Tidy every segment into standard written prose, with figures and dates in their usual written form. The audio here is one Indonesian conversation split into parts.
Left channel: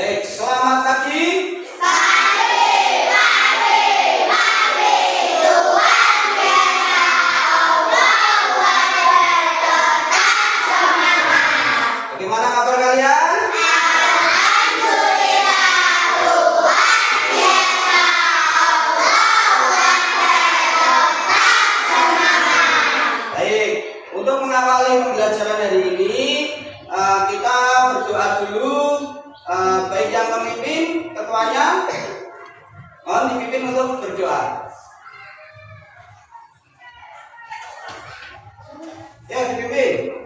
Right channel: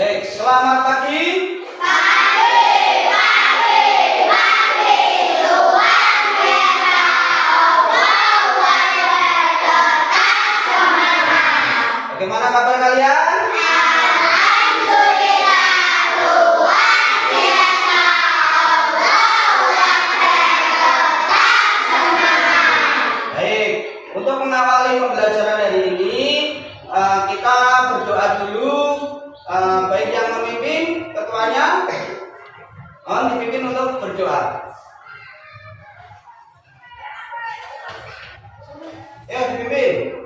Baik, selamat pagi. Bagaimana kabar kalian? Baik, untuk mengawali pembelajaran hari ini kita berdoa dulu. Baik yang memimpin, ketuanya mohon dipimpin untuk berdoa. Ya, dipimpin.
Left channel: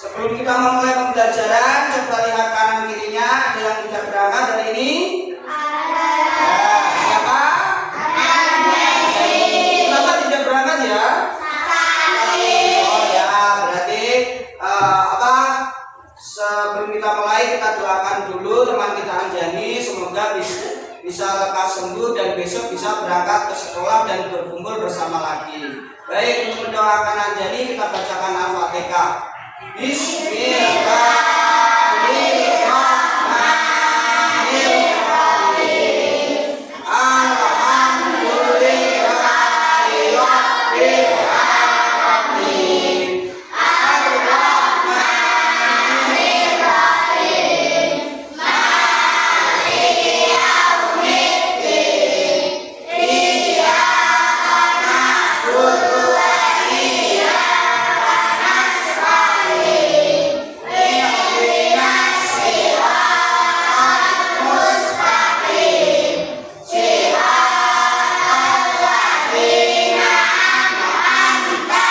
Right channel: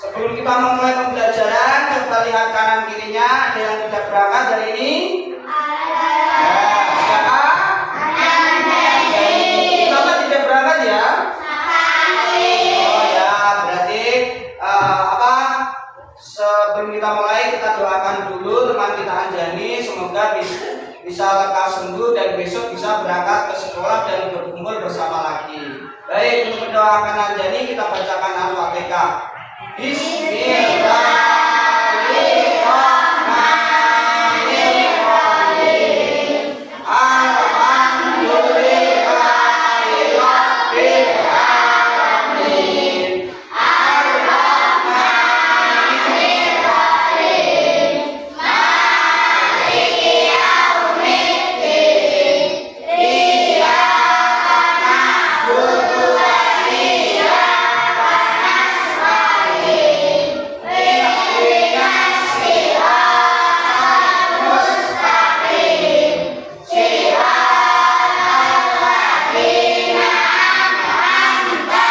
Sebelum kita memulai pembelajaran, coba lihat kanan kirinya. Ada yang tidak berangkat hari ini? Siapa? Kenapa tidak berangkat ya? Oh ya, berarti sebelum kita mulai kita doakan dulu teman kita Anjani, semoga bisa lekas sembuh dan besok bisa berangkat ke sekolah dan berkumpul bersama lagi. Baik, untuk mendoakan Anjani kita bacakan Al-Fatihah. Bismillahirrahmanirrahim. Alhamdulillahirrahmanirrahim. Ar-Rahmanirrahim. Maliki yaumiddin. Iyyaka na'budu wa iyyaka nasta'in. Ihdinas siratal mustaqim. Siratal ladzina an'amta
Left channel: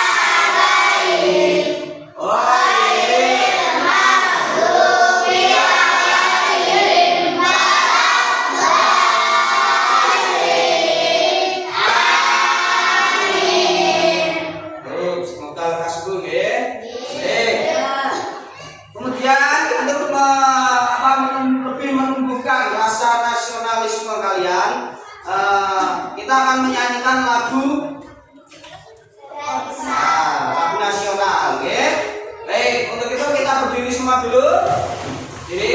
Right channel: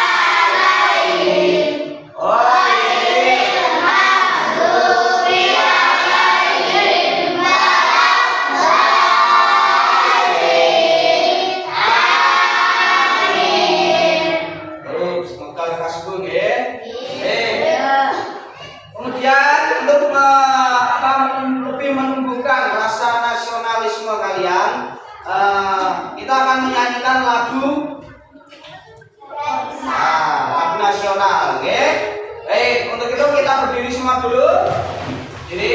'alaihim ghairil maghdubi 'alaihim waladdallin. Amin. Baik, semoga lekas sembuh ya. Kemudian untuk lebih menumbuhkan rasa nasionalisme kalian, kita akan menyanyikan lagu nasional, oke? Baik, untuk itu kita berdiri semua dulu. Jadi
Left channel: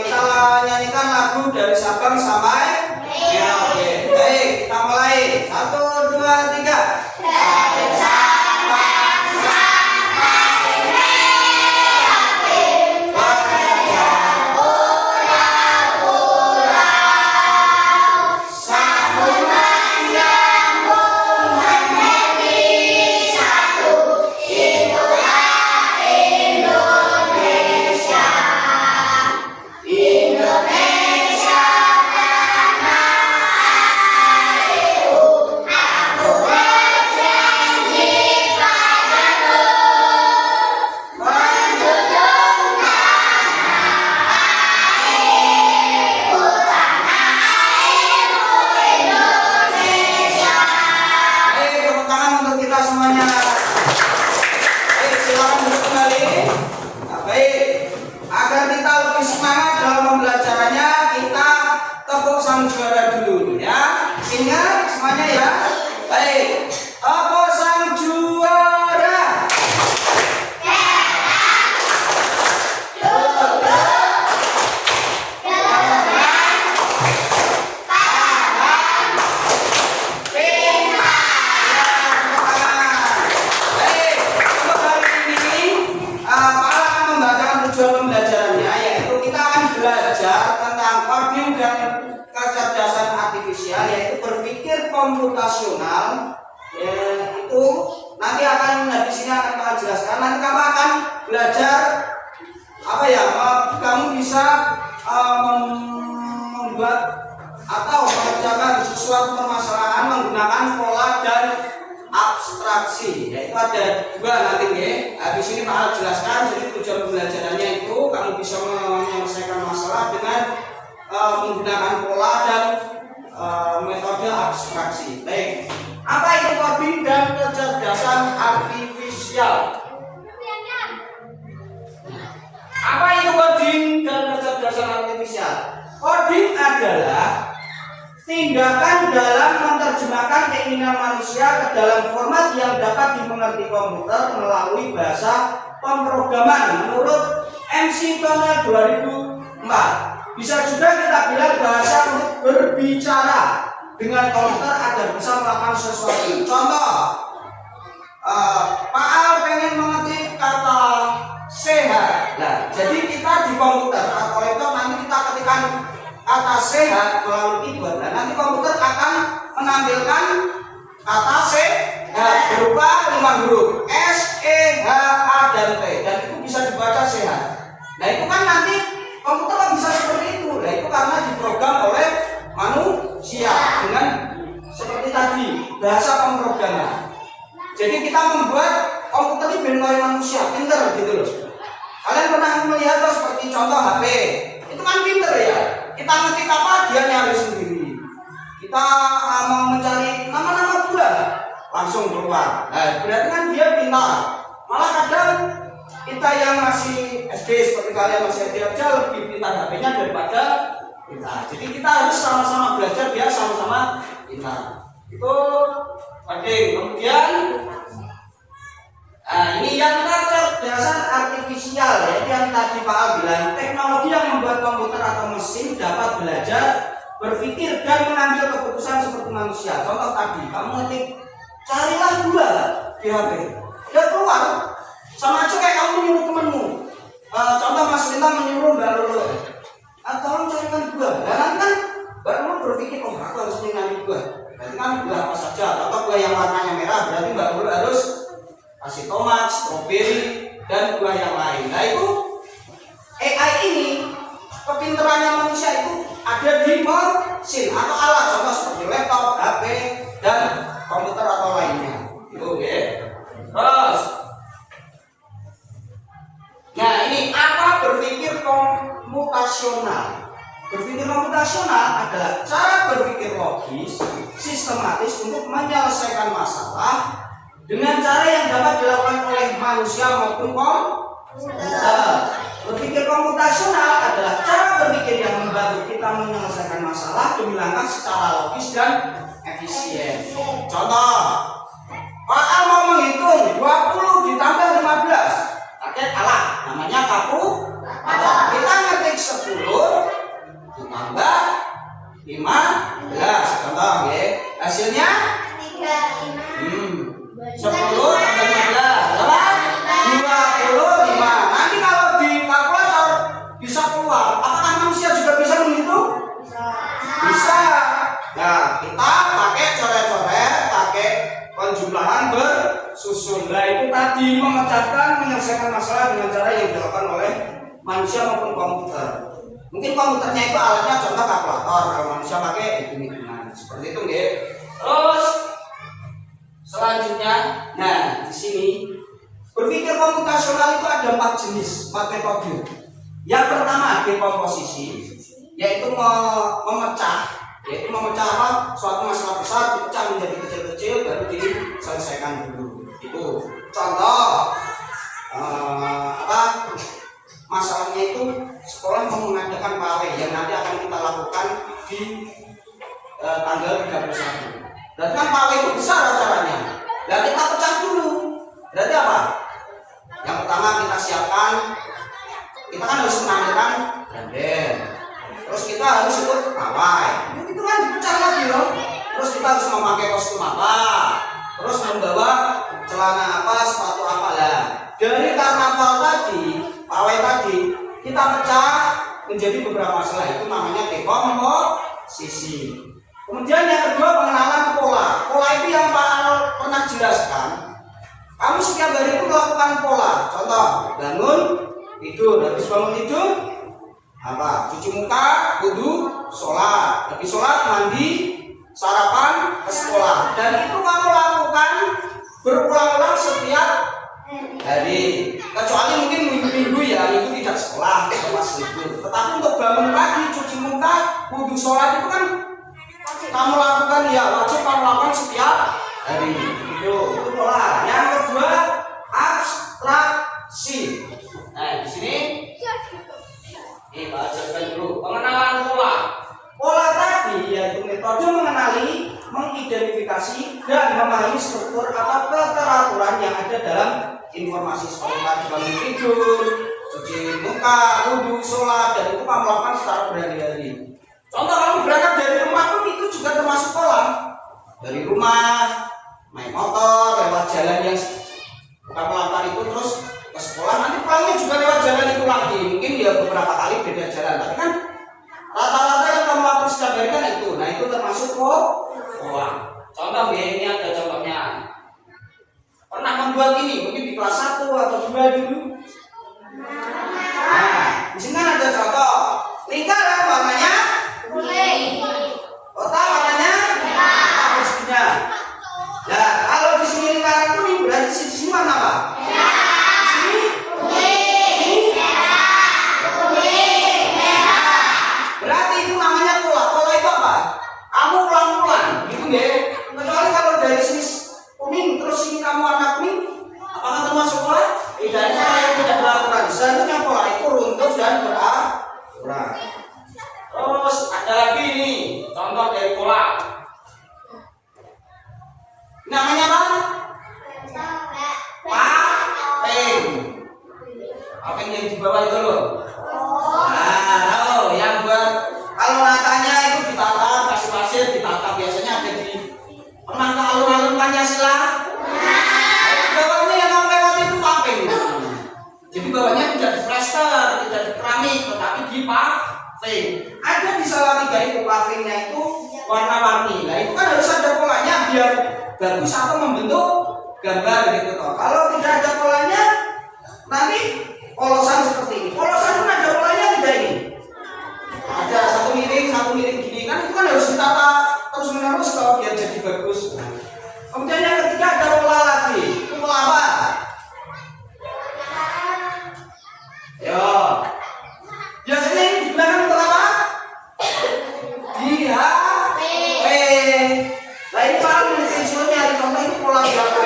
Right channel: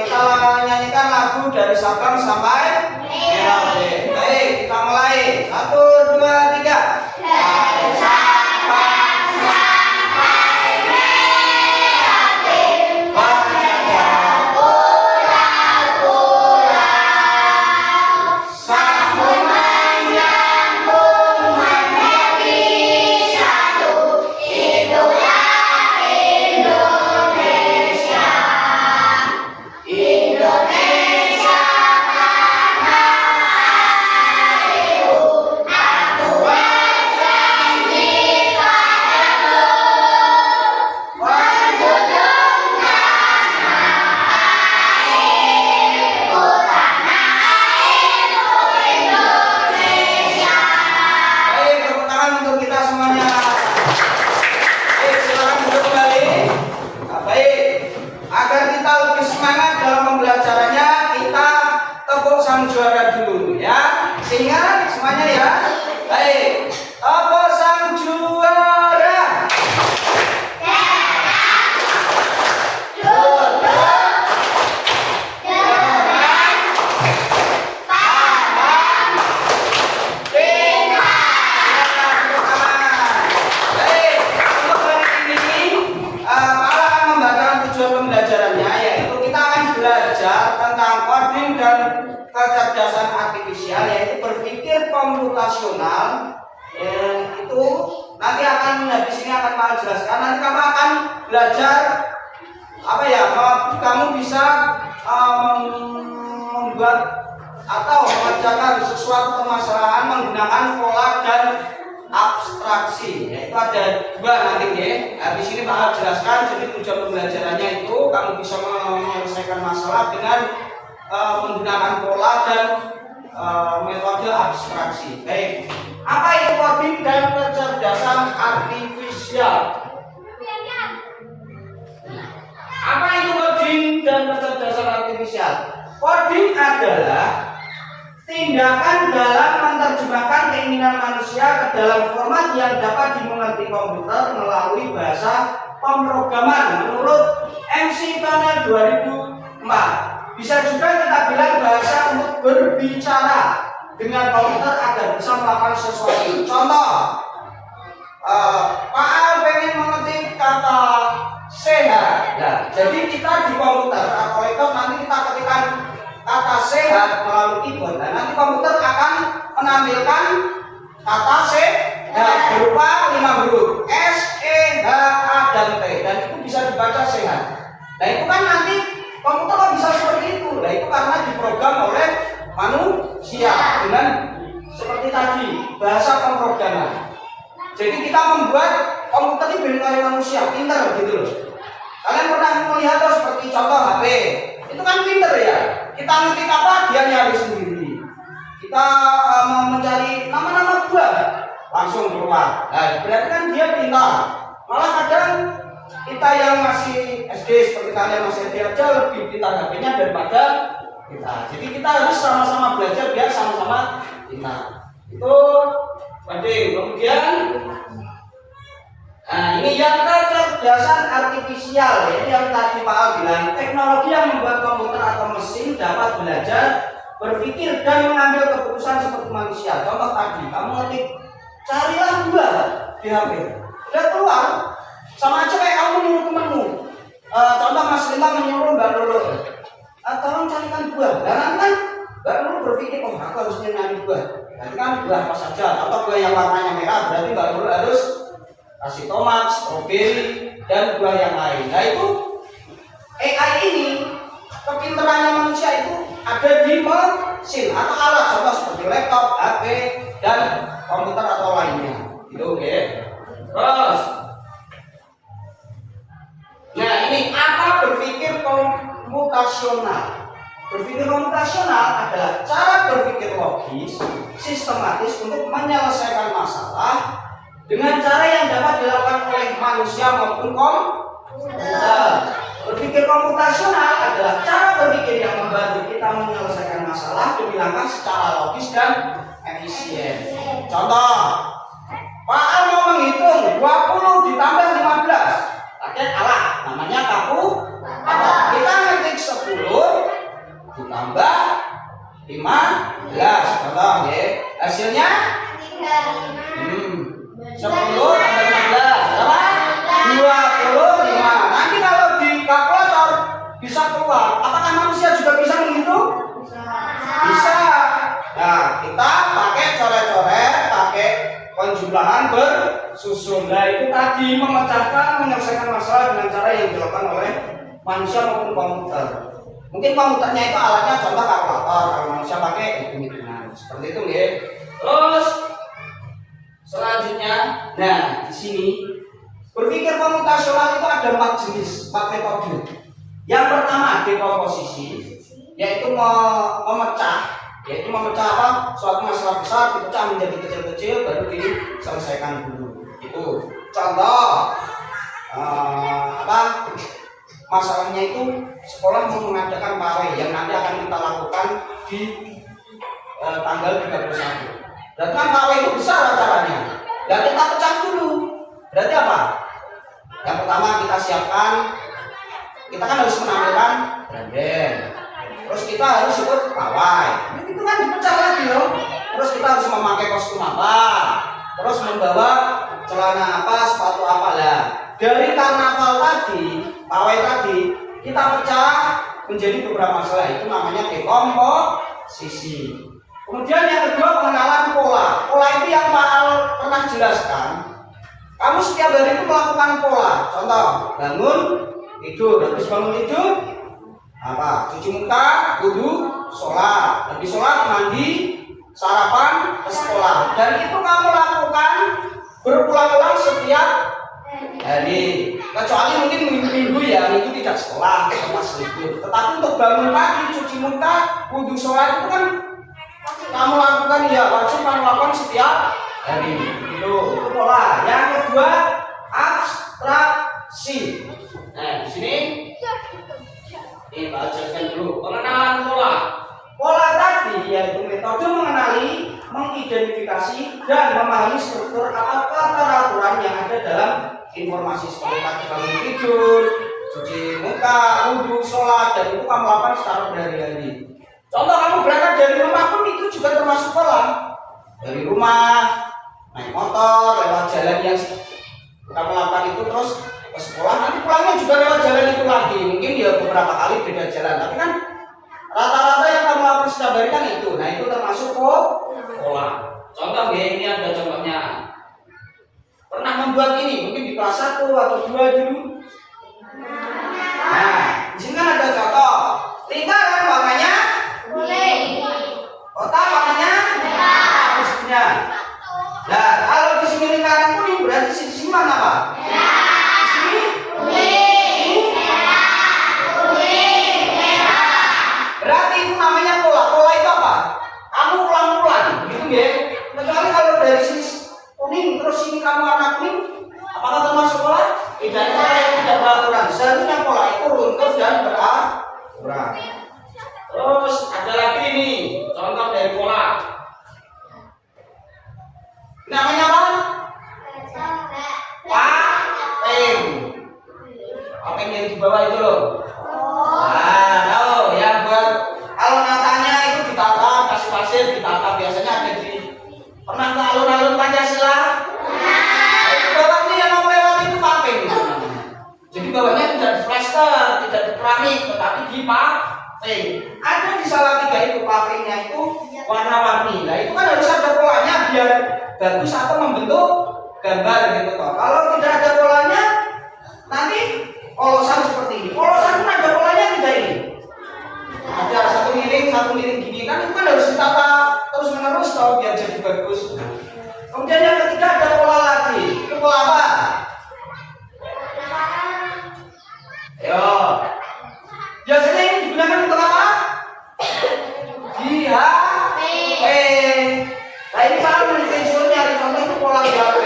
kita nyanyikan lagu dari Sabang sampai Merauke. Baik, kita mulai. 1, 2, 3. Dari Sabang sampai Merauke, banyak pulau-pulau, sambungan nyambung menjadi satu. Itulah Indonesia. Indonesia tanah airku. Aku berjanji padamu, menjunjung tanah airku, Indonesia. Baik, tepuk tangan untuk kita semuanya. Baik, silakan duduk kembali. Baik, agar kita lebih semangat dalam pembelajarannya, kita tepuk sang juara dulu ya. Ingat semuanya ya. Baik, tepuk sang juara. Duduk. komputasional itu nanti akan di sini akan Pak jelaskan. Nanti kamu akan belajar apa ya? Kamu bisa membuat atau mengerjakan sesuatu permasalahan menggunakan pola dan abstraksi. Yaitu ada dua nanti ya. Di sini Pak jelaskan. Jadi tujuan pembelajarannya itu kamu bisa menyelesaikan masalah dengan menggunakan pola dan metode abstraksi. Baik. Apa itu coding dan kecerdasan artifisial? Apa itu coding dan kecerdasan artifisial? Coding adalah tindakan dalam menerjemahkan keinginan manusia ke dalam format yang dapat dimengerti komputer melalui bahasa pemrograman menurut MC Connell 2004. Bisa juga kita bilang bahasa untuk berbicara dengan komputer agar bisa melakukan sesuatu. Contoh, Pak Al pengen mengetik kata sehat. Nah, jadi kita di komputer atau laptop nanti kita ketikkan kata sehat melalui keyboard. Nah, nanti komputer akan menampilkan kata sehat berupa 5 huruf S, E, H, A, dan T, dan itu bisa dibaca sehat. Nah, itu kan nanti komputer kan bisa seperti itu. Nah, itu karena diprogram oleh manusia dengan seperti tadi bahasa pemrograman. Jadi kita membuat komputer ini benar manusia, pintar gitu loh. Kalian pernah melihat seperti contoh HP, itu kan pintar ya. Kita ngetik apa dia nyari sendiri. Kita mau mencari nama-nama buah langsung keluar. Nah, berarti kan dia pintar. Malah kadang kita yang masih SD seperti kalian masih SD aja lebih pintar HP-nya daripada kita. Jadi kita harus sama-sama belajar biar sama-sama pintar. Itu penting. Kemudian ini yang kecerdasan artifisial, yaitu yang tadi Pak Al bilang, teknologi yang membuat komputer atau mesin dapat belajar, berpikir dan mengambil keputusan seperti manusia. Contoh tadi, kamu ngetik carilah buah di HP, udah keluar, sama aja kayak kamu nyuruh temanmu. Contoh Mas Linta menyuruh Mbak Lulu, tolong carikan buah. Dan nanti kan Mbak Lulu berpikir, oh aku harus nyari buah. Berarti kan buah apa saja, atau buah yang warnanya merah, berarti Mbak Lulu harus kasih tomat, stroberi, dan buah yang lain. Nah itu AI ini kepintarannya manusia itu ada di mesin atau alat, contoh seperti laptop, HP, dan komputer atau lainnya. Itu oke. Terus, nah ini apa berpikir komputasional? Berpikir komputasional adalah cara berpikir logis, sistematis untuk menyelesaikan masalah dengan cara yang dapat dilakukan oleh manusia maupun komputer. Berpikir komputasional adalah cara berpikir yang membantu kita menyelesaikan masalah demi langkah secara logis dan efisien. Contoh, Pak Al mau menghitung 20 ditambah 15 pakai alat namanya kalkulator. Kita ngetik 10 ditambah 15. Contoh ya, hasilnya 10 tambah 15 25. Nanti kalau di kalkulator bisa keluar. Apakah manusia juga bisa menghitung? Bisa. Nah, kita pakai coret-coret, pakai penjumlahan bersusun. Nah, itu tadi memecahkan, menyelesaikan masalah dengan cara yang dilakukan oleh manusia maupun komputer. Mungkin komputernya itu alatnya contoh kalkulator, kalau manusia pakai hitung-hitungan. Seperti itu ya. Terus selanjutnya, nah di sini berpikir komputasional itu ada 4 jenis, 4 metode. Yang pertama dekomposisi, yaitu memecah apa? Suatu masalah besar dipecah menjadi kecil-kecil baru diselesaikan dulu. Itu contoh masalahnya itu sekolah mau mengadakan pawai yang nanti akan kita lakukan di tanggal 31. Dan kan pawai itu besar acaranya. Dan kita pecah dulu. Berarti apa? Yang pertama kita siapkan, kita kan harus menampilkan branden. Terus kita harus ikut pawai. Itu kan dipecah lagi loh. Terus kita harus memakai kostum apa? Terus membawa celana apa, sepatu apa lah. Dari karnaval tadi, pawai tadi, kita pecah menjadi beberapa masalah. Itu namanya dekomposisi. Kemudian yang kedua pengenalan pola. jelaskan, kamu setiap hari itu melakukan pola. Contoh, bangun, tidur, habis bangun tidur, apa? Cuci muka, wudu, sholat, habis sholat mandi, sarapan, ke sekolah. Dan itu kamu lakukan berulang-ulang setiap hari. Kecuali mungkin minggu ya, itu tidak sekolah atau pas libur. Tetapi untuk bangun pagi, cuci muka, wudu, sholat itu kan kamu lakukan ya, wajib kamu lakukan setiap hari. Itu pola. Yang kedua, abstraksi. Nah, di sini kita ajarkan dulu pengenalan pola. Pola tadi yaitu metode mengenali, mengidentifikasi dan memahami struktur atau keteraturan yang ada dalam informasi seperti tadi bangun tidur, cuci muka, wudhu, sholat, dan itu kamu lakukan secara berhari-hari. Contoh kamu berangkat dari rumah pun itu juga termasuk pola. Dari rumah naik motor lewat jalan yang kamu lakukan itu terus ke sekolah, nanti pulangnya juga lewat jalan itu lagi. Mungkin ya beberapa kali beda jalan, tapi kan rata-rata yang kamu lakukan setiap hari kan itu. Nah itu termasuk pola. Contoh ya, ini ada contohnya. Pernah membuat ini mungkin di kelas 1 atau 2 dulu. Nah, di sini kan ada contoh. Lingkaran warnanya kuning. Kotak warnanya merah. Pastinya. Nah, kalau di sini lingkaran kuning berarti di sini warna apa? Merah. Di sini kuning. Kuning, merah. Berarti itu namanya pola. Pola itu apa? Kamu ulang-ulang, gitu ya. Kecuali kalau dari sini kuning terus ini kamu warna kuning, apakah termasuk pola? Tidak, pola yang tidak beraturan. Seharusnya pola itu runtut dan beraturan. Terus ada lagi nih contoh dari pola. Namanya apa? Pating. Pating yang di bawah itu loh. Nah, kalau yang buat kalau natanya itu ditata, kasih pasir ditata, biasanya ada di pernah ke alun-alun Pancasila? Bawahnya yang kamu lewati itu pating. Jadi bawahnya tidak di plester, tidak di keramik, tetapi di paving. Ada di Salatiga itu pavingnya itu warna-warni. Nah itu kan harus ada polanya biar bagus atau membentuk gambar gitu toh. Kalau tidak ada polanya, nanti polosan seperti ini. Polosan pun ada polanya tidak ini. Ada satu miring gini kan itu kan harus ditata terus menerus toh biar jadi bagus. Kemudian yang ketiga ada pola lagi. Itu pola apa? Yo. Biasanya ini digunakan untuk apa? Di HP. Nah ini paling menunjukkan nyari contoh itu pola di HP.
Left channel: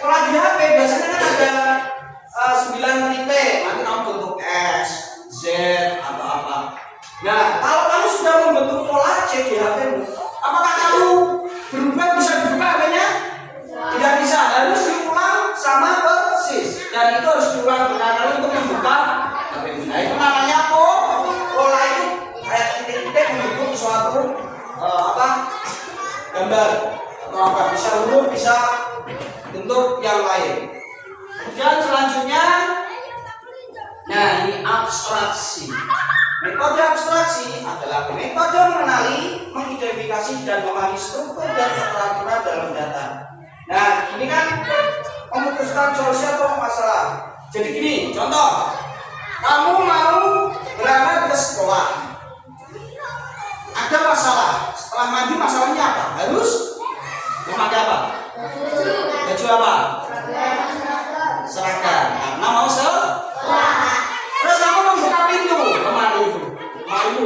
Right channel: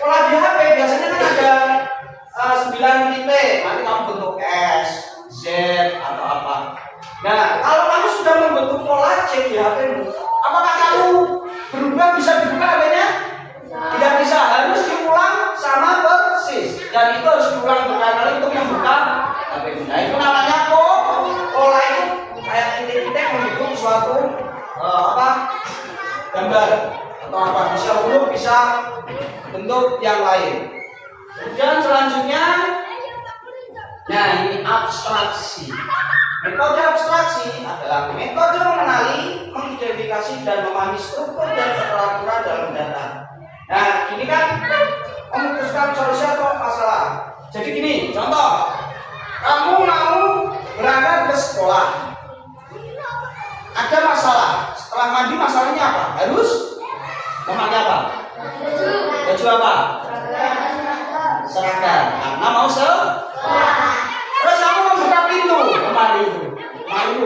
Pola di HP biasanya kan ada 9 titik. Nanti kamu bentuk S, Z atau apa. Nah kalau kamu sudah membentuk pola C di HP-mu, apakah kamu berubah bisa dibuka HP-nya? Tidak bisa, harus diulang sama persis. Dan itu harus diulang berkali-kali untuk membuka HP-mu. Nah itu namanya pola itu kayak titik-titik membentuk suatu gambar atau apa, bisa huruf, bisa bentuk yang lain. Kemudian selanjutnya, nah ini abstraksi. Metode abstraksi adalah metode mengenali, mengidentifikasi dan memahami struktur dan keteraturan dalam data. Nah ini kan memutuskan solusi atau masalah. Jadi gini, contoh, kamu mau berangkat ke sekolah, ada masalah. Setelah mandi masalahnya apa? Harus memakai apa? Baju apa? Seragam. Karena mau sekolah. Terus kamu membuka pintu kemarin itu, malu.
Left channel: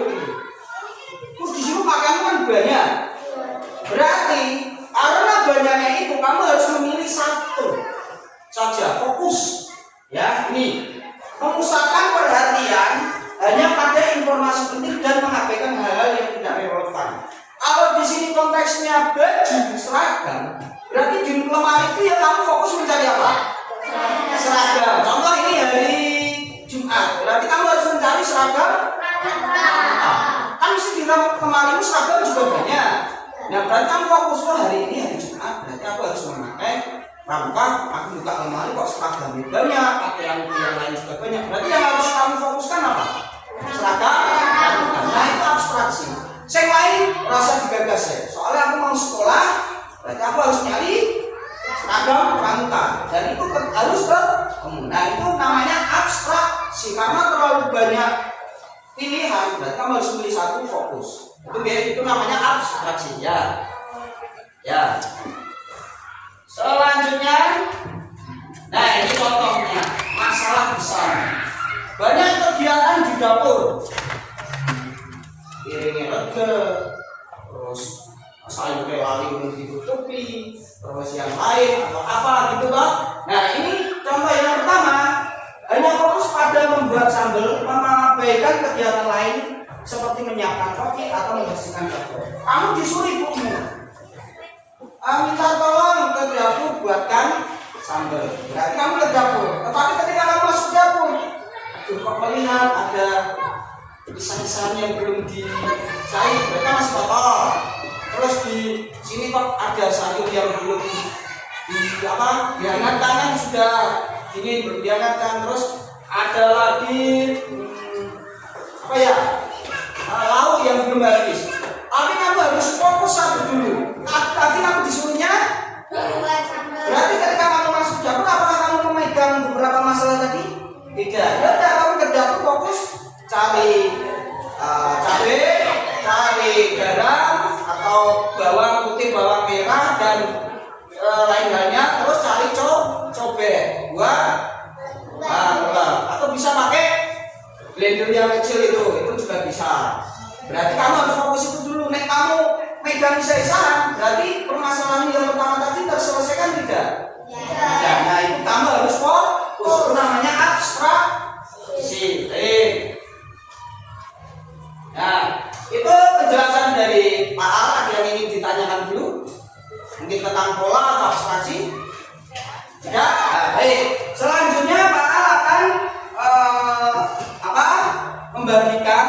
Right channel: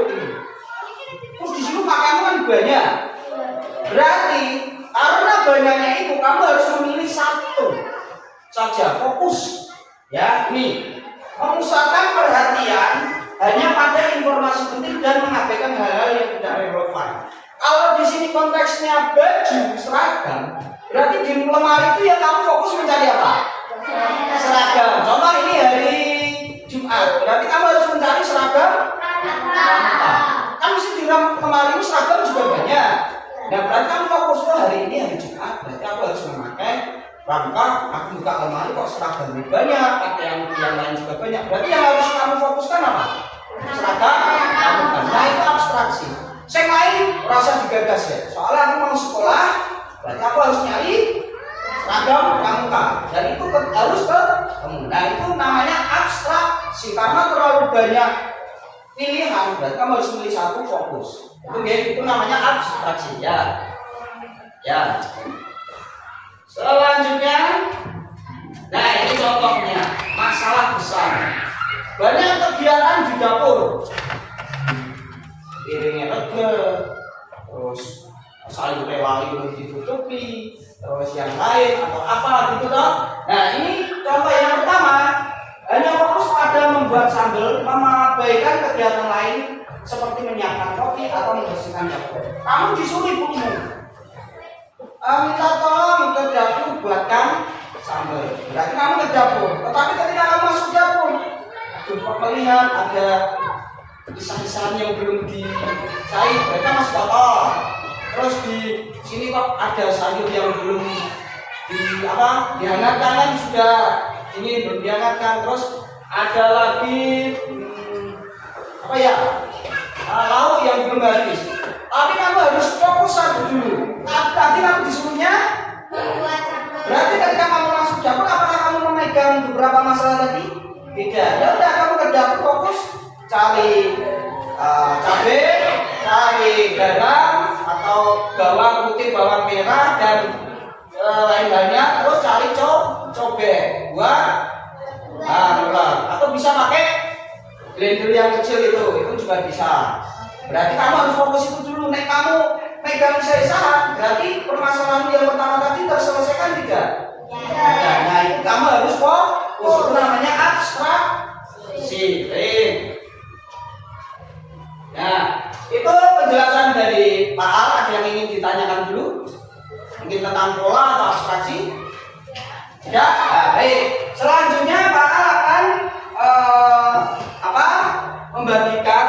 Terus di situ pakaianmu kan banyak. Berarti karena banyaknya itu kamu harus memilih satu saja, fokus. Ya, ini memusatkan perhatian hanya pada informasi penting dan mengabaikan hal-hal yang tidak relevan. Kalau di sini konteksnya baju seragam, berarti di lemari itu ya kamu fokus mencari apa? Seragam. Contoh ini hari Jumat, berarti kamu harus mencari seragam apa? Kan mesti di lemari itu seragam juga banyak. Nah berarti kamu fokus hari ini hari Jumat, berarti aku harus memakai rangka. Aku buka lemari kok seragam banyak, pakaian yang lain juga banyak. Berarti yang harus kamu fokuskan apa? Seragam. Nah itu abstraksi. Yang lain rasa digagas ya. Soalnya aku mau sekolah, berarti aku harus nyari seragam. dan itu harus ketemu. Nah itu namanya abstraksi, karena terlalu banyak pilihan berarti kamu harus pilih satu fokus. Itu namanya abstraksi ya. Ya. Selanjutnya, nah ini contohnya masalah besar. Banyak kegiatan di dapur, piringnya rega, terus sayurnya lali ditutupi, terus yang lain atau apa gitu toh. Nah ini contoh yang pertama, hanya fokus pada membuat sambal, mengabaikan kegiatan lain seperti menyiapkan kopi atau membersihkan dapur. Kamu disuruh ibumu minta tolong ke dapur buatkan sambal, berarti kamu ke dapur. Tetapi ketika kamu masuk dapur, kok melihat ada pisang-pisang yang belum dicair, mereka masih kotor. Terus di sini kok ada sayur yang belum dihangatkan, kan sudah dingin belum dihangatkan. Terus ada lagi lauk yang belum habis. Tapi kamu harus fokus satu dulu. Tadi kamu disuruhnya berarti ketika kamu masuk dapur, apakah kamu memegang beberapa masalah tadi? Tidak. Ya udah, kamu ke dapur fokus cari cabai, cari garam atau bawang putih, bawang merah dan lain-lainnya. Terus cari cobek, buah, atau bisa pakai blender yang kecil itu juga bisa. Berarti kamu harus fokus itu dulu. Nek kamu megang sisa, berarti permasalahan yang pertama tadi terselesaikan tidak? Ya. Nah itu kamu harus fokus. Itu namanya abstraksi. Nah itu penjelasan dari Pak Al. Ada yang ingin ditanyakan dulu? Mungkin tentang pola atau abstraksi? Tidak. Nah, baik. Selanjutnya Pak Al akan membagikan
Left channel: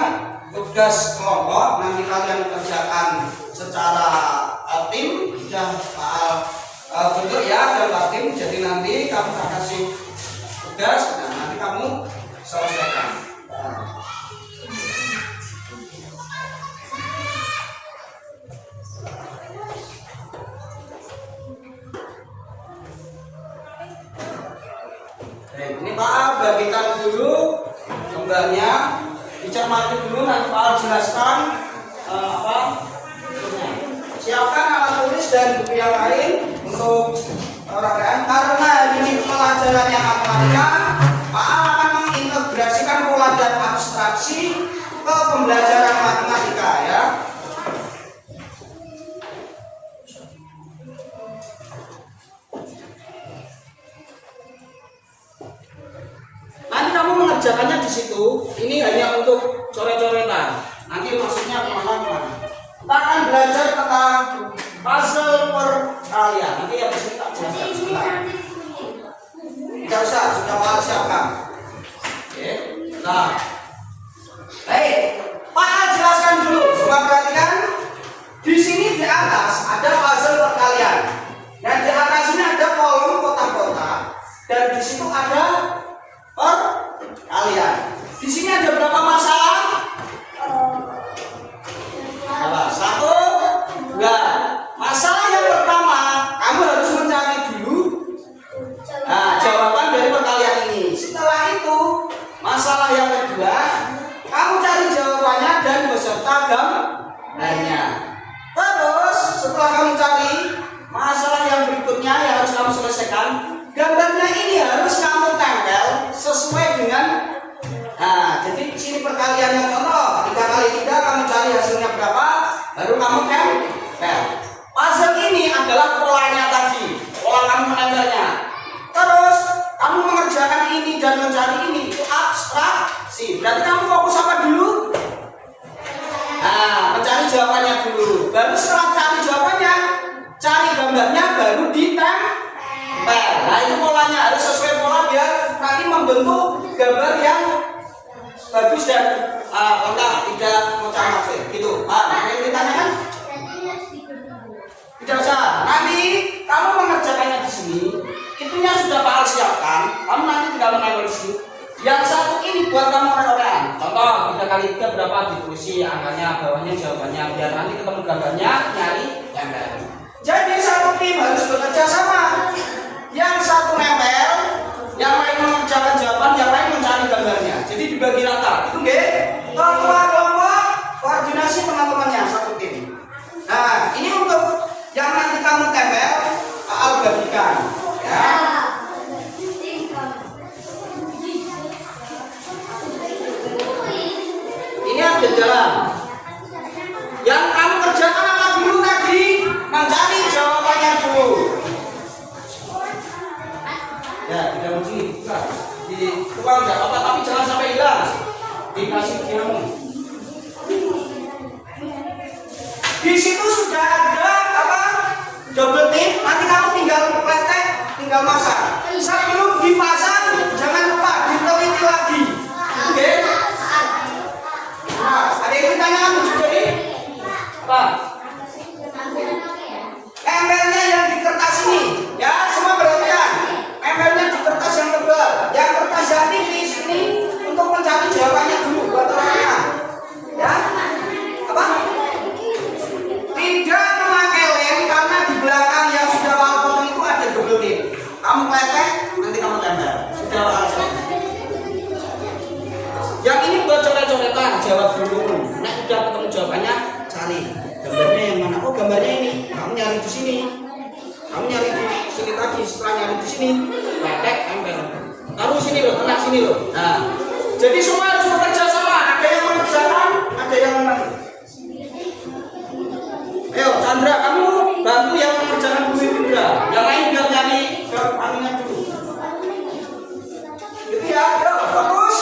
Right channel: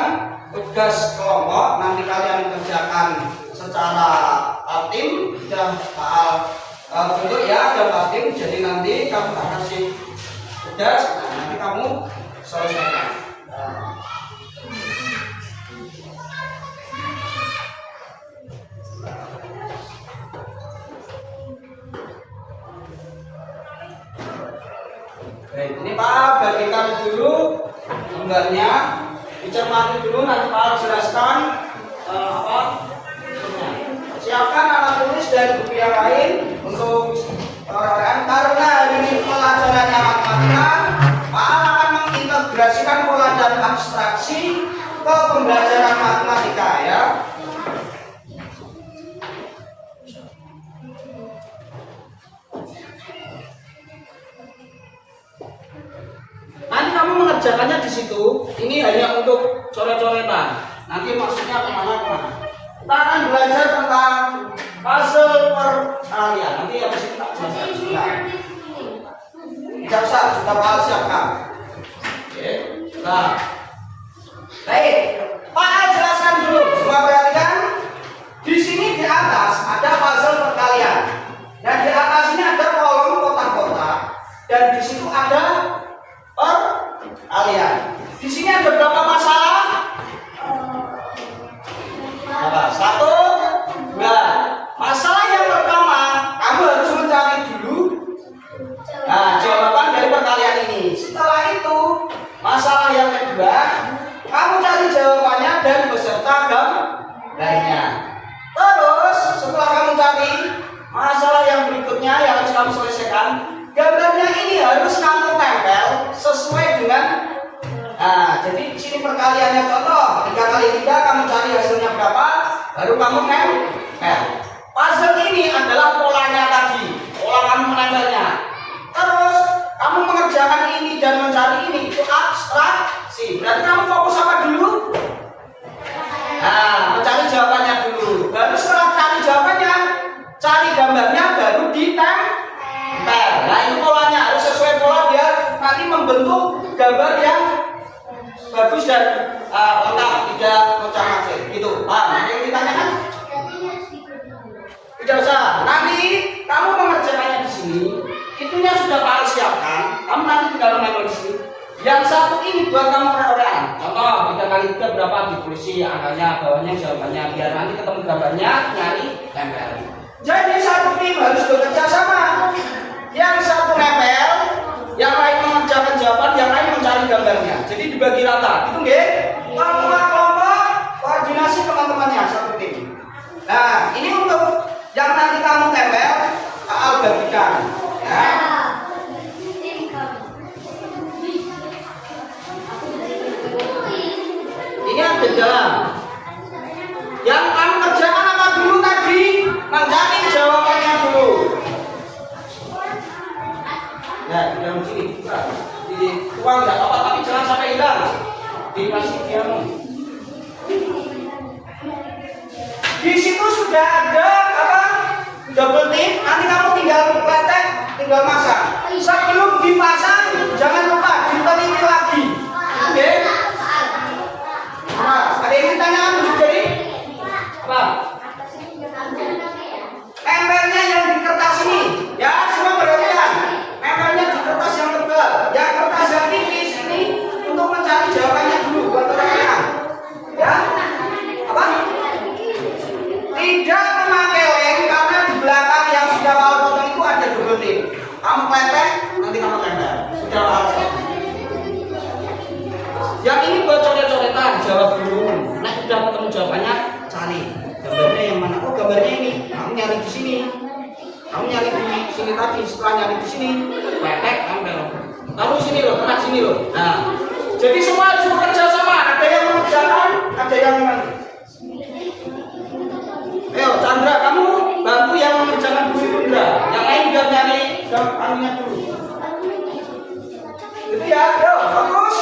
tugas kelompok. Nanti kalian kerjakan secara tim dan bentuk ya dalam tim. Jadi nanti kamu akan kasih tugas, nanti kamu selesaikan. Ini Pak bagikan dulu gambarnya, dicermati dulu, nanti Pak jelaskan siapkan alat tulis dan buku yang lain untuk orang karena ini pelajarannya matematika. Pak akan mengintegrasikan pola dan abstraksi ke pembelajaran matematika ya. Nanti kamu mengerjakannya di situ. Ini hanya untuk coret-coretan. Nanti maksudnya kemana-kemana. Kita akan belajar tentang puzzle perkalian. Nanti habis itu tak jelaskan. Tidak usah, sudah Pak siapkan. Oke, nah. Baik, Pak jelaskan dulu. Semua perhatikan. Di sini di atas ada puzzle perkalian. Dan di atas ini ada kolom kotak-kotak. Dan di situ ada perkalian. Di sini ada berapa masalah? Satu, dua. Masalah yang pertama, kamu harus mencari dulu jawaban dari perkalian ini. Setelah itu, masalah yang kedua, kamu cari jawabannya dan beserta gambarnya. Terus, setelah kamu cari masalah yang berikutnya yang harus kamu selesaikan, gambarnya ini harus kamu tempel sesuai dengan. Nah, jadi di sini perkaliannya contoh 3 kali 3 kamu cari hasilnya berapa, baru kamu tempel. Puzzle ini adalah polanya tadi, pola kamu menempelnya. Terus kamu mengerjakan ini dan mencari ini, itu abstraksi. Berarti kamu fokus apa dulu? Nah, mencari jawabannya dulu. Baru setelah cari jawabannya, cari gambarnya, baru ditempel. Nah, itu polanya harus sesuai pola biar nanti membentuk gambar yang bagus dan lengkap, tidak macam-macam gitu. Nanti yang ditanyakan tidak usah. Nanti kamu mengerjakannya di sini, itunya sudah Pak Al siapkan. Kamu nanti tidak menempel di sini. Yang satu ini buat kamu orang. Contoh 3 kali 3 berapa, ditulis angkanya, bawahnya jawabannya, biar nanti ketemu gambarnya nyari tempel. Jadi satu tim harus bekerja sama. Yang satu nempel, yang lain mengerjakan jawaban, yang lain mencari gambarnya. Jadi dibagi rata. Itu nggih. Kelompok koordinasi teman-temannya satu tim. Nah, ini untuk yang nanti kamu tempel, Al bagikan. Ya. Ini ada jalan. Yang kamu kerjakan apa dulu tadi? Mencari jawabannya dulu. Ya, di dalam sini. Di tuang nggak apa-apa, tapi jangan sampai hilang. Dikasih diamu. Di situ sudah ada apa? Double tip. Nanti kamu tinggal pletek, tinggal masang. Sebelum dipasang, jangan lupa diteliti lagi. Oke? Nah, ada yang ditanyakan juga ini? Apa? Nempelnya yang di kertas ini, ya semua perhatian. Nempelnya di kertas yang tebal, yang kertas yang tipis ini untuk mencari jawabannya dulu buat teman-teman. Ya? Apa? Tidak memakai lem karena di belakang yang sudah awal potong itu ada double tip. Kamu pletek, nanti kamu tempel. Sudah awal potong. Yang ini buat coret-coretan, jawab dulu. Nah, sudah ketemu jawabannya, cari gambarnya yang mana? Oh, gambarnya ini. Kamu nyari di sini. Kamu nyari di sini tadi. Setelah nyari di sini, pletek, tempel. Taruh sini loh, tengah sini loh. Nah, jadi semua harus bekerja sama. Ada yang mengerjakan, ada yang ayo, Chandra, kamu bantu yang mengerjakan dulu itu ya. Yang lain biar nyari anunya dulu. Itu ya, ayo, fokus.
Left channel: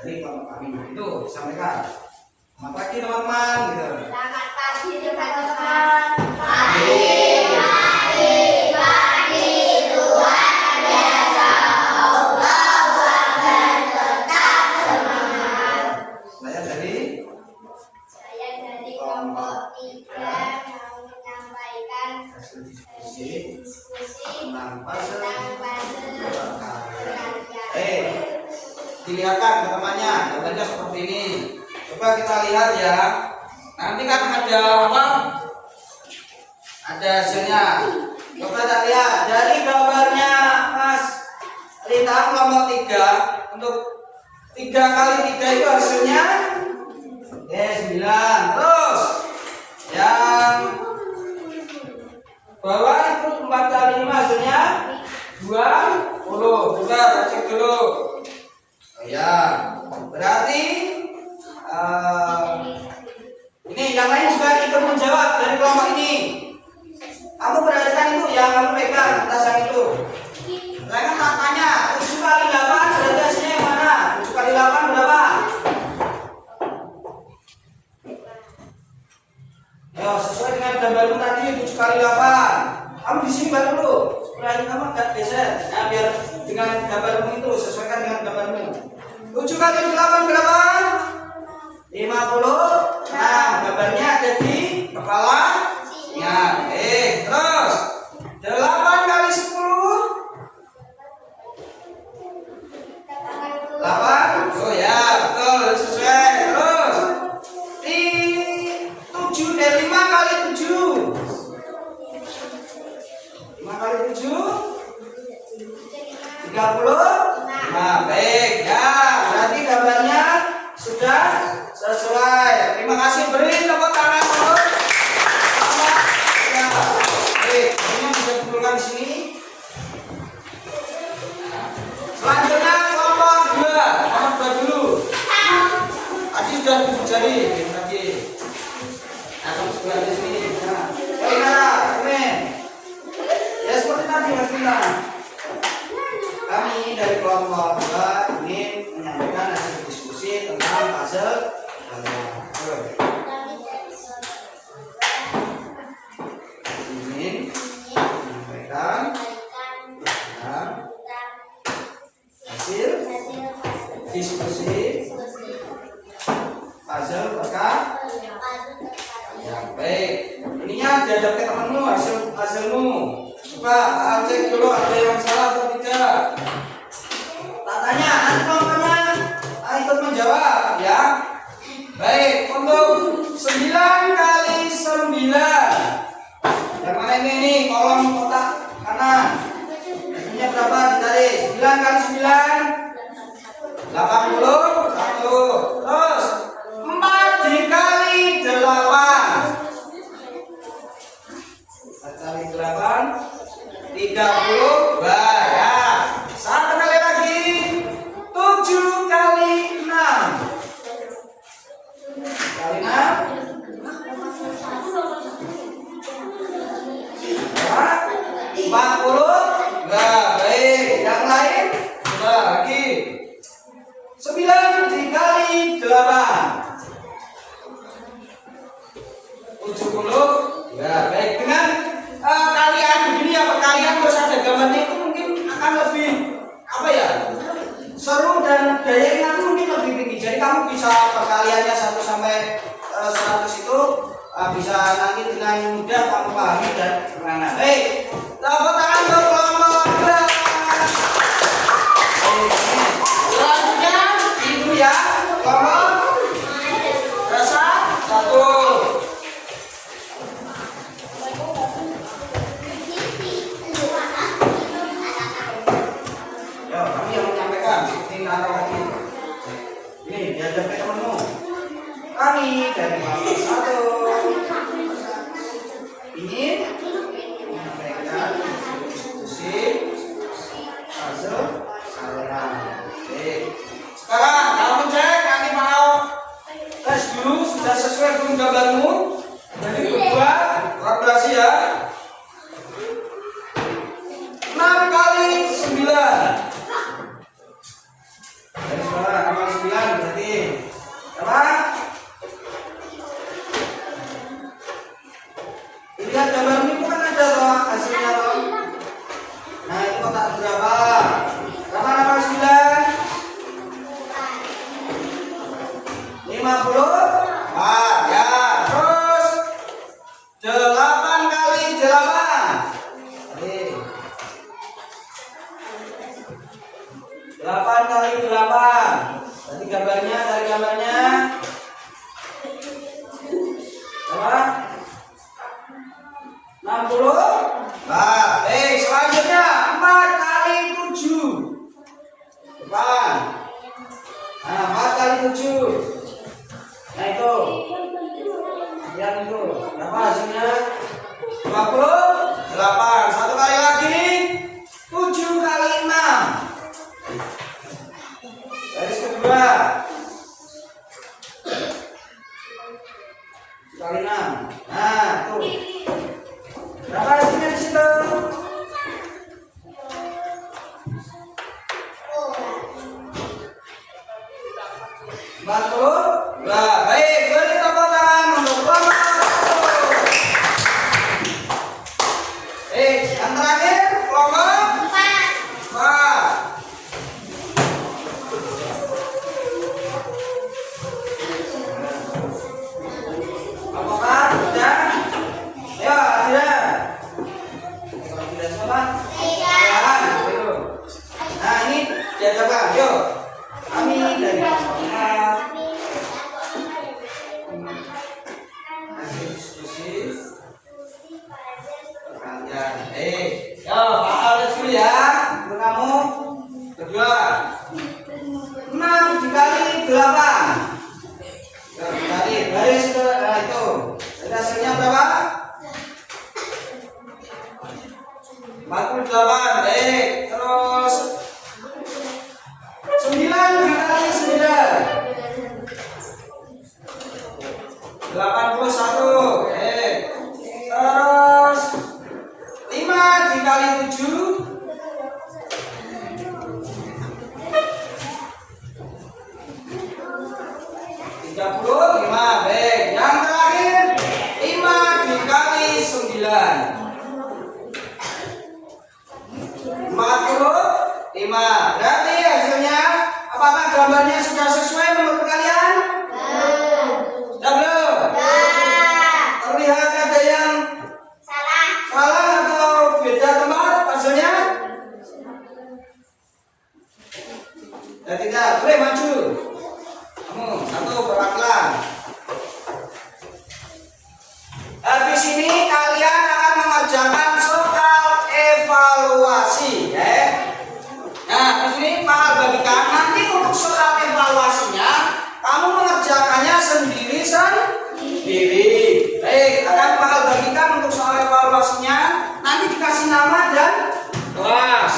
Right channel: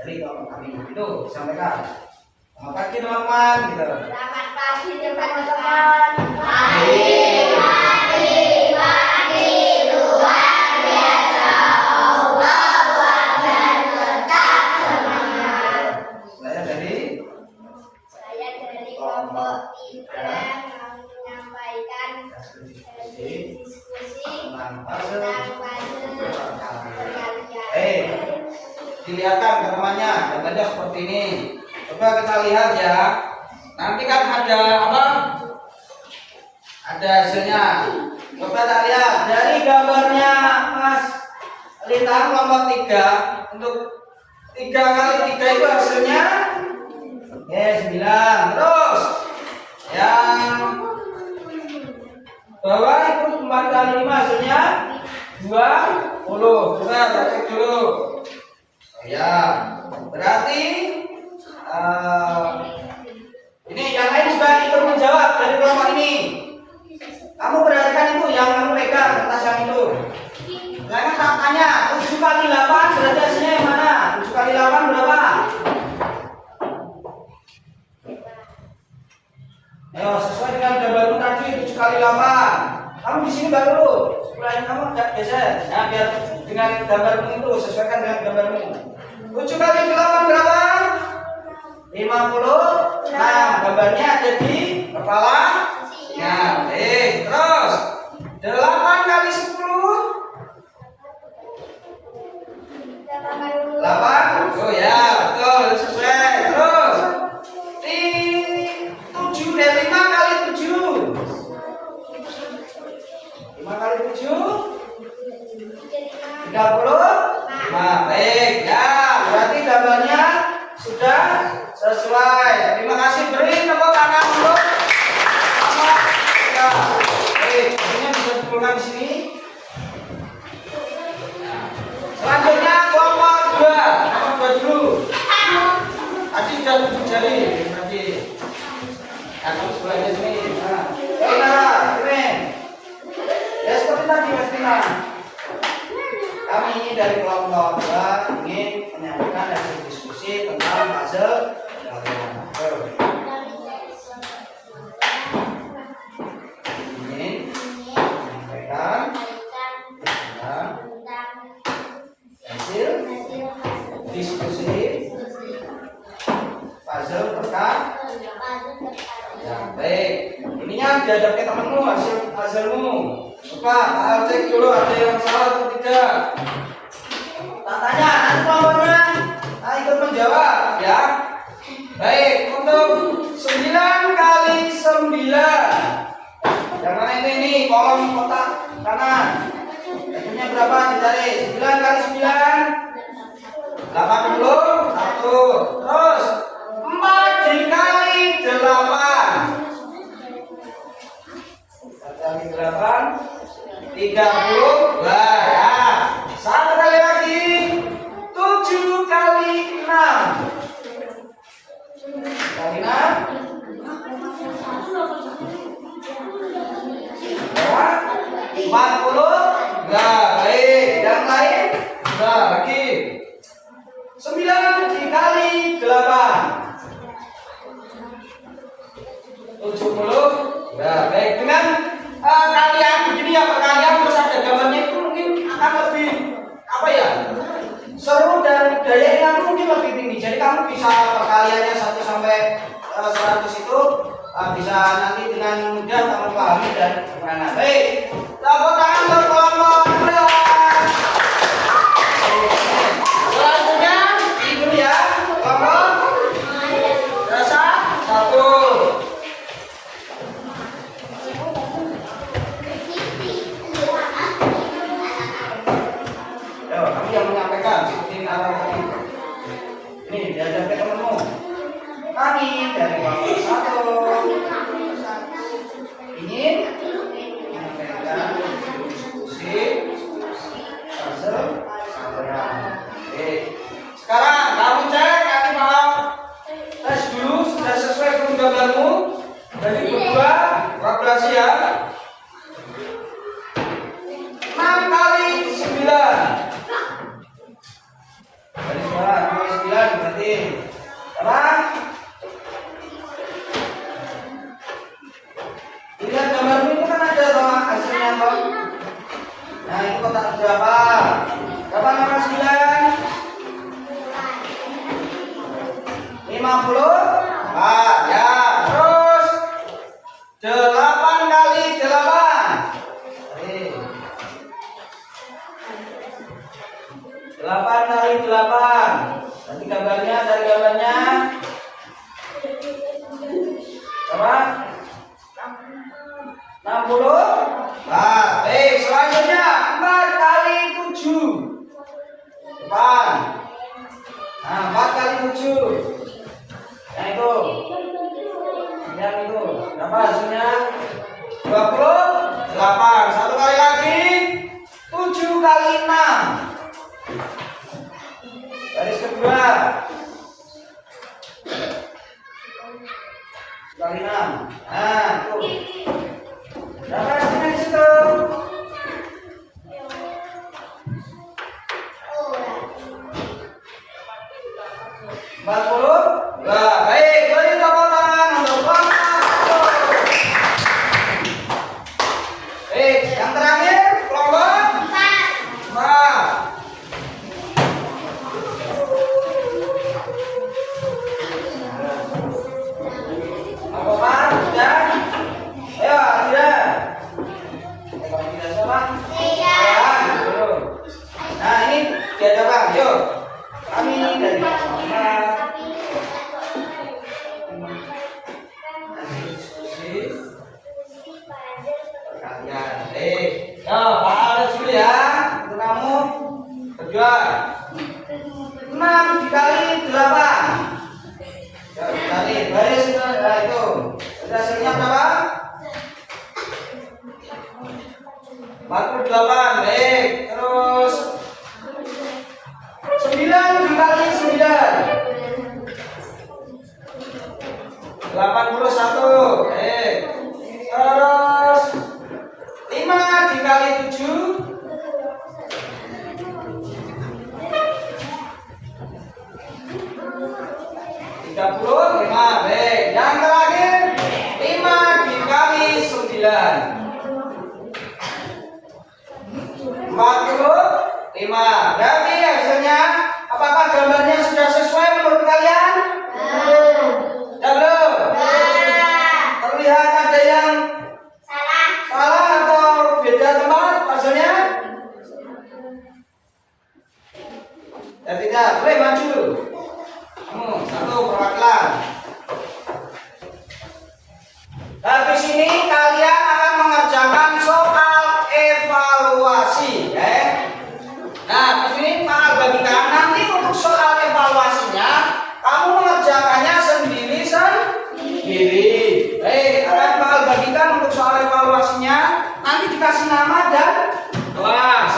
dari kelompok kami. Itu disampaikan. Selamat pagi teman-teman gitu. Selamat pagi teman-teman. Pagi. Luar biasa. Allah Akbar, tetap semangat. Saya dari kelompok 3 mau menyampaikan diskusi Tentang puzzle dilihatkan gambarnya, gambarnya seperti ini. Coba kita lihat ya. Nanti kan ada apa? Ada hasilnya. Coba kita lihat dari gambarnya Mas Lita kelompok 3 untuk 3 kali 3 itu hasilnya 9. Terus yang bawah itu 4 kali 5 hasilnya 20. Coba kita cek dulu. Oh, ya, berarti ini yang lain juga ikut menjawab dari kelompok ini. Kamu perhatikan itu yang kamu pegang atas yang itu. Saya kan tak tanya 7 kali 8 berarti hasilnya yang mana? 7 kali 8 berapa? Ayo sesuai dengan gambarmu tadi 7 kali 8. Kamu di sini balik dulu. Setelah ini kamu enggak geser. Ya biar dengan gambarmu itu sesuaikan dengan gambarmu. 7 kali 8 berapa? 50. Nah, gambarnya ada di kepala. Ya, oke. Terus 8 kali 10 8. Oh ya, betul, sesuai. Terus 5 kali 7 5 kali 7 30. Nah, baik. Ya, berarti gambarnya sudah sesuai. Terima kasih. Beri tepuk tangan dulu. Ya. Baik, ini bisa dikumpulkan di sini. Selanjutnya kelompok 2. Kelompok 2 dulu. Tadi sudah 7 jari lagi. Nah, kamu sebelah di sini. Nah, Nara, keren. Ya seperti tadi Mas Tina. Kami dari kelompok 2 ingin menyampaikan hasil diskusi tentang puzzle. Ingin menyampaikan tentang hasil diskusi puzzle rekan. Ya baik. Ininya dihadap ke temanmu hasilmu. Coba cek dulu ada yang salah atau tidak. Tak tanya, nanti kelompoknya ikut menjawab ya. Baik, untuk 9 kali 9. Yang mana ini kolom kotak kanan. Hasilnya berapa? Ditarik. 9 kali 9 81. Terus 4 dikali 8 kali 8 30. Ya. Satu kali lagi 7 kali 6 kali 6 40. Enggak, baik. Yang lain? Enggak, lagi 9 dikali 8 70. Ya, baik. Dengan kalian begini ya, perkalian terus ada gambarnya itu mungkin akan lebih apa ya, seru dan daya ingat mungkin lebih tinggi. Jadi kamu bisa perkaliannya 1 sampai 100 itu bisa nanti dengan mudah kamu pahami dan gimana. Baik, tepuk tangan untuk kelompok 2. Selanjutnya itu ya kelompok rasa 1. Ini diajak ke temanmu. Kami dari kelompok 1 ingin menyampaikan diskusi puzzle kalian. Oke. Sekarang kamu cek, kami mau tes dulu sudah sesuai dengan gambarmu. Jadi berdua kalkulasi ya. 6 kali 9. Dari 9 kali 9 Tadi gambarnya, cari gambarnya. Berapa? 60. Selanjutnya 4 kali 7. Depan. Nah, 4 kali 7. Nah itu. Lihat itu. Berapa hasilnya? 28. Satu kali lagi. 7 kali 6. Garis kedua. 7 kali 6. Nah, tuh. Berapa hasilnya di situ? 40. Baik, beri tepuk tangan untuk Bapak. Yang terakhir kelompok 4. Apa sudah? Ayo, sudah. Kalau tidak sama? Ya, belum. Nah, ini diajarkan. Yuk. Kami dari Muhammad. Ya, Pak Alex dulu ya. Itu kamu berdua. 6 dikali 8. Ya, dikali baris sudah. Nah itu. Jadi hasilnya berapa? 48. Baik. Terus 9 dikali 9. 81. Baik. Terus 5 dikali 7. 35. Baik. Yang terakhir 5 dikali 9. 45. Berarti hasilnya apakah gambarnya sudah sesuai menurut kalian? Ya belum? Terlihat ada yang salah atau beda tempat hasilnya? Ya tidak, boleh maju. Kamu satu perwakilan. Habis ini kalian akan mengerjakan soal evaluasi, ya. Nah, habis ini Pak bagikan nanti untuk soal evaluasinya kamu mengerjakannya sendiri. Akan Pak bagikan untuk soal evaluasinya nanti dikasih nama dan kelas.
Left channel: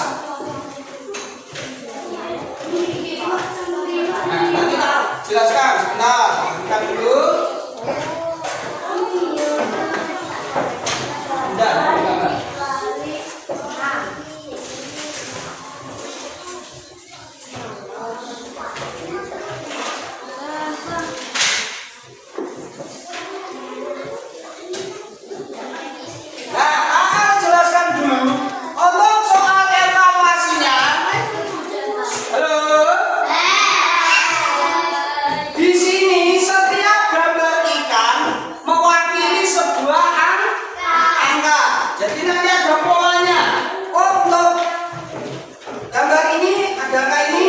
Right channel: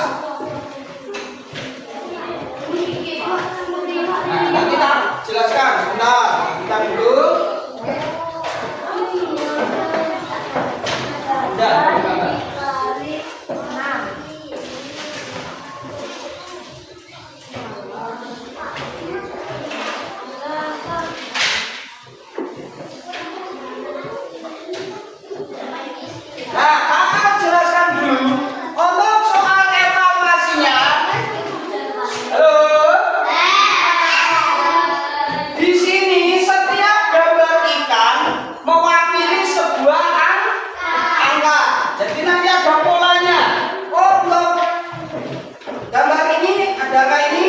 Nah, nanti kita jelaskan sebentar. Kita dulu. Udah, gambar. Nah, kakak jelaskan dulu untuk soal evaluasinya. Halo. Di sini setiap gambar ikan mewakili sebuah angka. Jadi nanti ada polanya. Untuk gambar ini ada angka ini,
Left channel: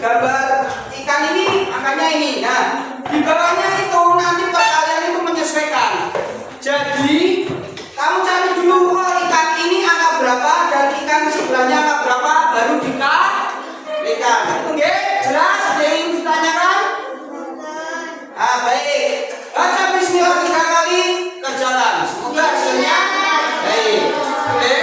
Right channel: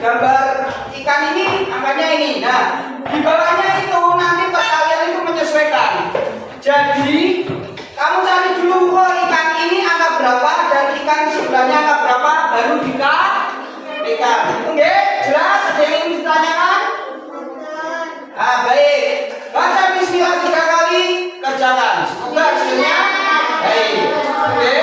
gambar ikan ini angkanya ini. Nah, di bawahnya itu nanti kalian itu menyesuaikan. Jadi kamu cari dulu ikan ini angka berapa dan ikan sebelahnya angka berapa, baru dikalikan. Itu nggih? Jelas? Ada yang ingin ditanyakan? Baik. Baca bismillah 3 kali, kerjakan. Semoga hasilnya baik. Oke.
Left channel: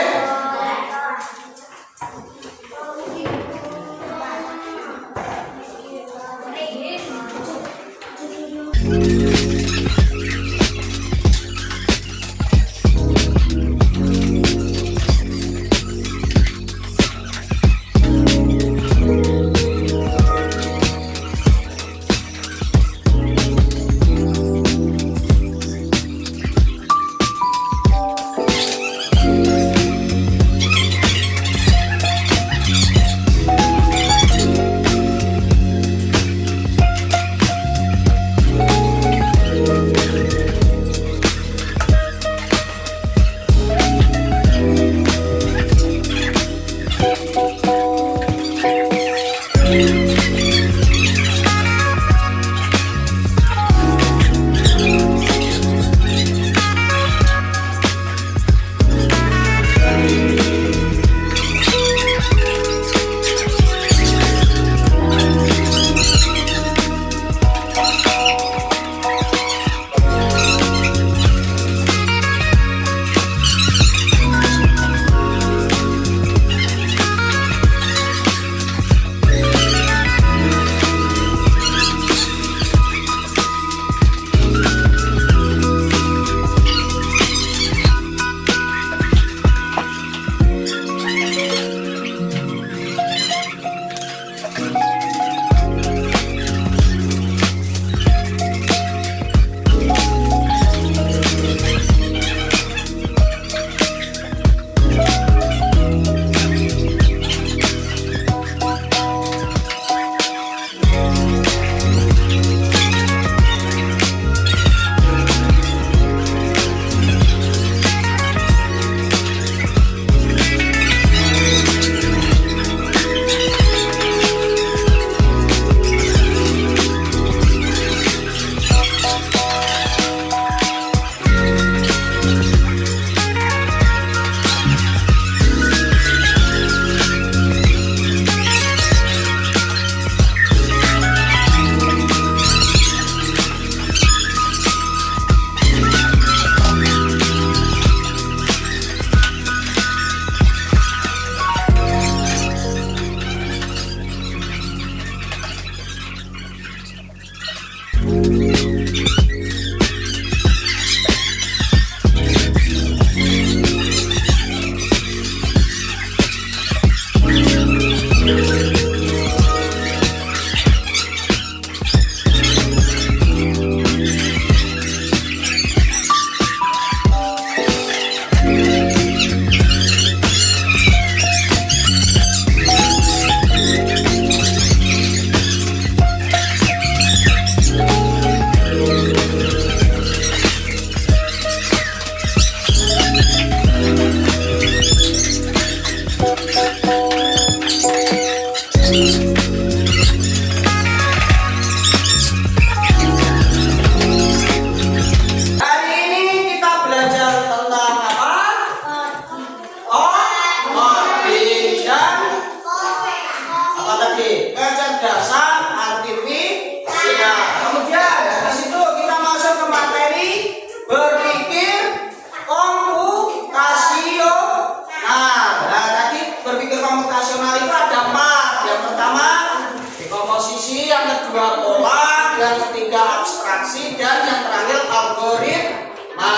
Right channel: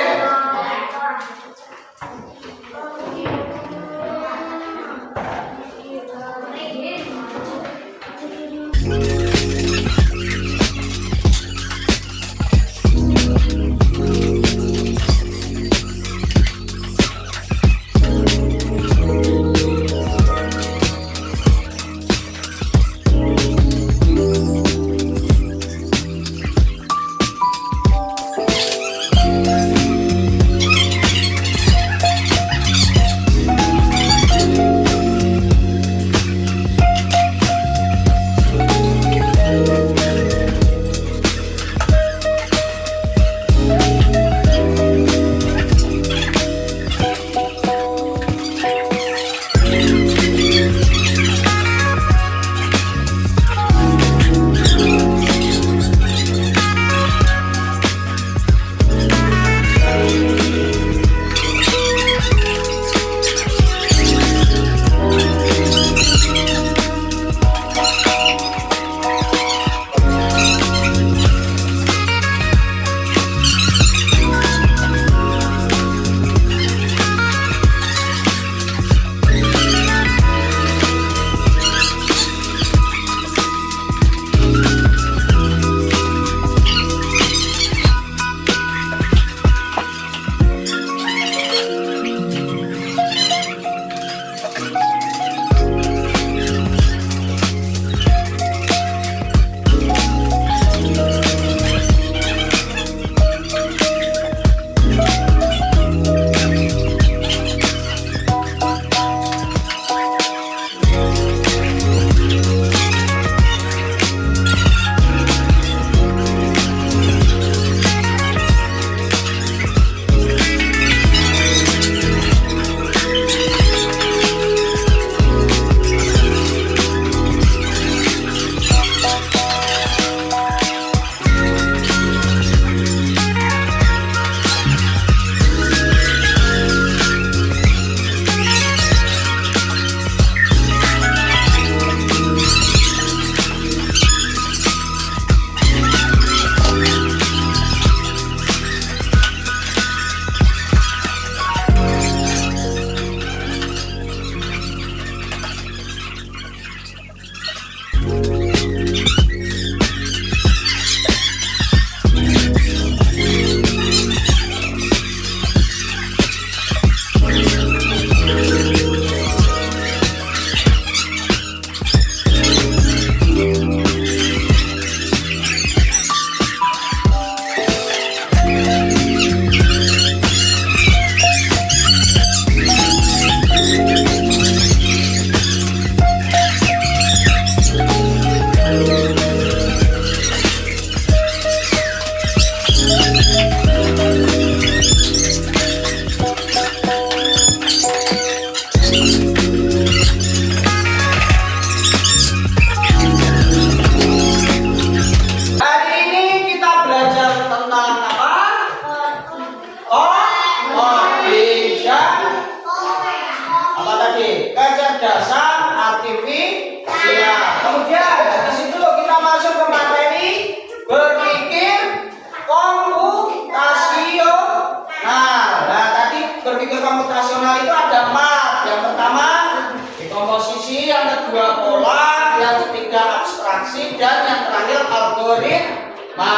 kedua pola, yang ketiga abstraksi, dan yang terakhir algoritma.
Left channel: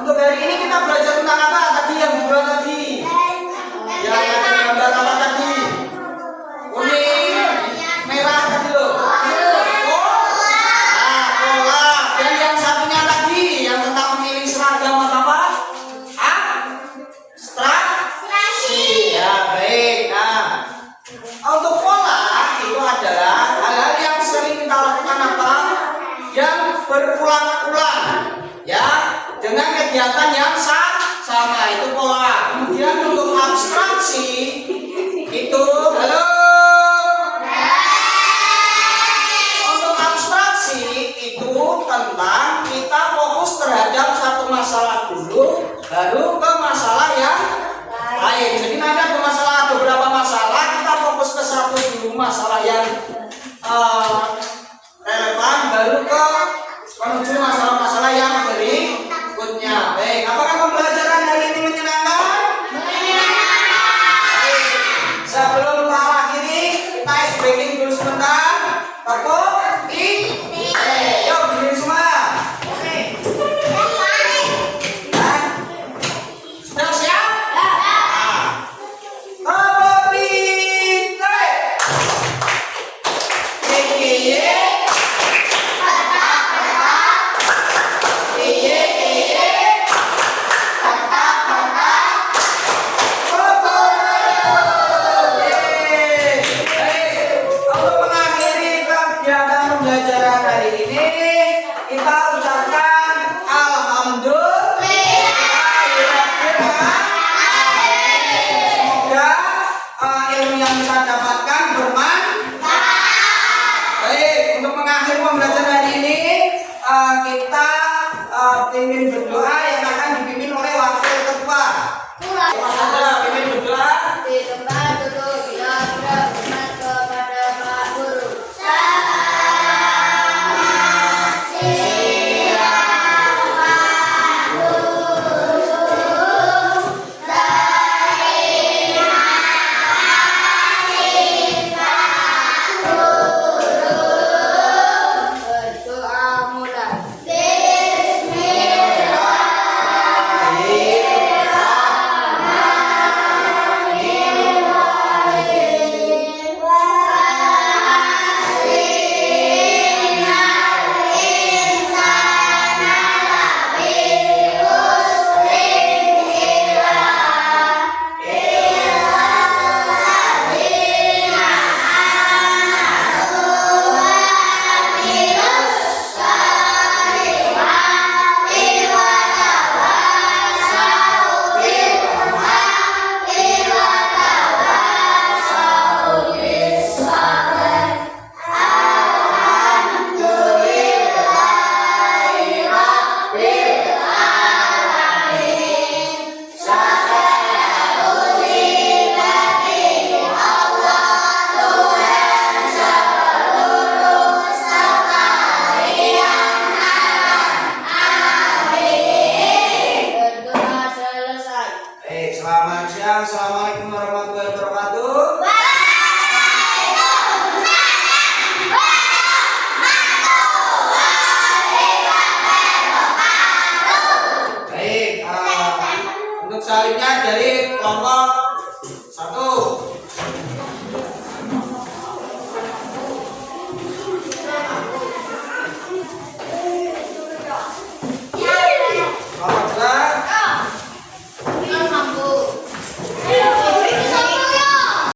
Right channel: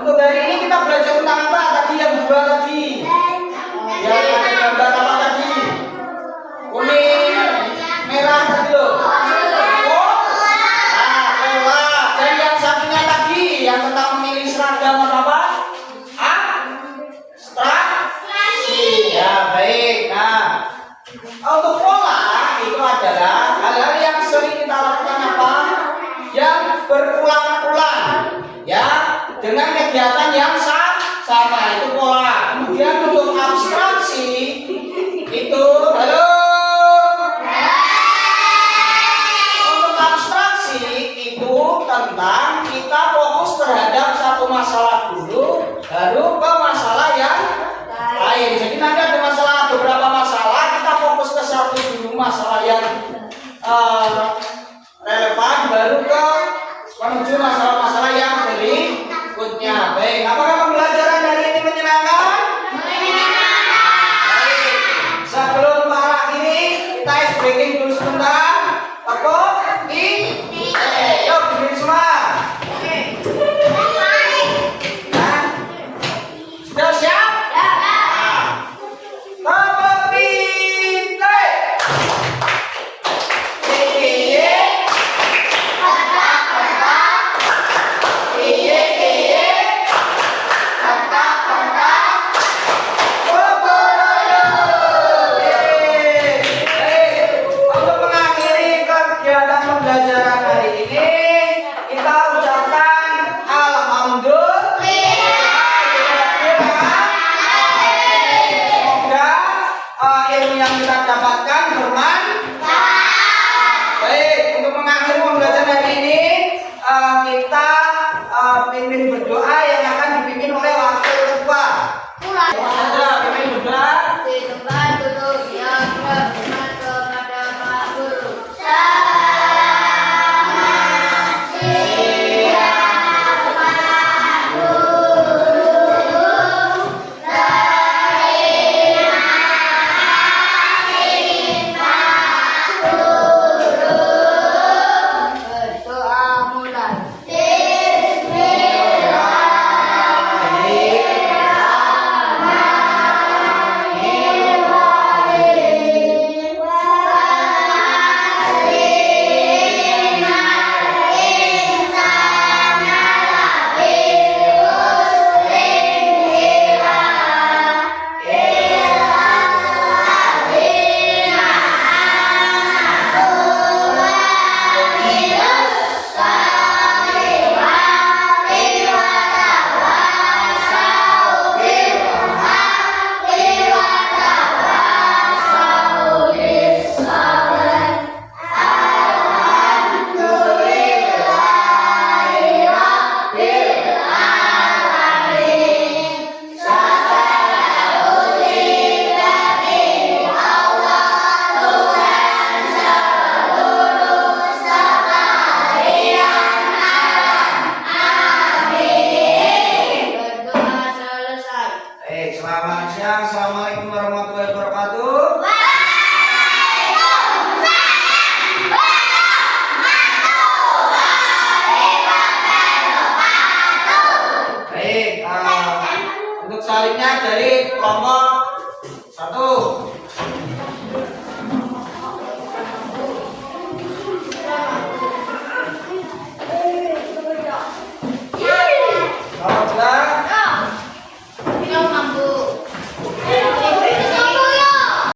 Untuk hari ini kita belajar tentang apa tadi yang dua tadi? Yang ada gambar apa tadi? Kuning, merah tadi loh. Pola. Dan yang satunya tadi yang tentang memilih seragam atau apa? Abstraksi. Ya baik. Nah, untuk pola itu adalah hal-hal yang sering kita lakukan apa? Yang berulang-ulang, ya, dengan kegiatan yang sama, itu pola. Kemudian untuk abstraksi itu, halo. Untuk abstraksi itu tentang kita fokus terhadap satu masalah dulu, baru ke masalah yang lain. Jadi nanti ada beberapa masalah, kita fokus ke satu dulu masalah yang relevan, baru ke menuju masalah-masalah yang berikutnya. Baik, apakah pembelajaran hari ini menyenangkan? Sebelum ke arah ini, kita breaking dulu sebentar. Yuk, berdiri semua. Sudah siap? Pembelajaran hari ini kita pimpin berdoa yang akan dipimpin oleh wakil ketua. Mas Andra pimpin berdoa. Di tempat duduk yang berhormat kepada Pak Guru. Berdoa mulai. Berdoa selesai. Selamat siang. Assalamualaikum warahmatullahi wabarakatuh. Baik, untuk selanjutnya dari kelompok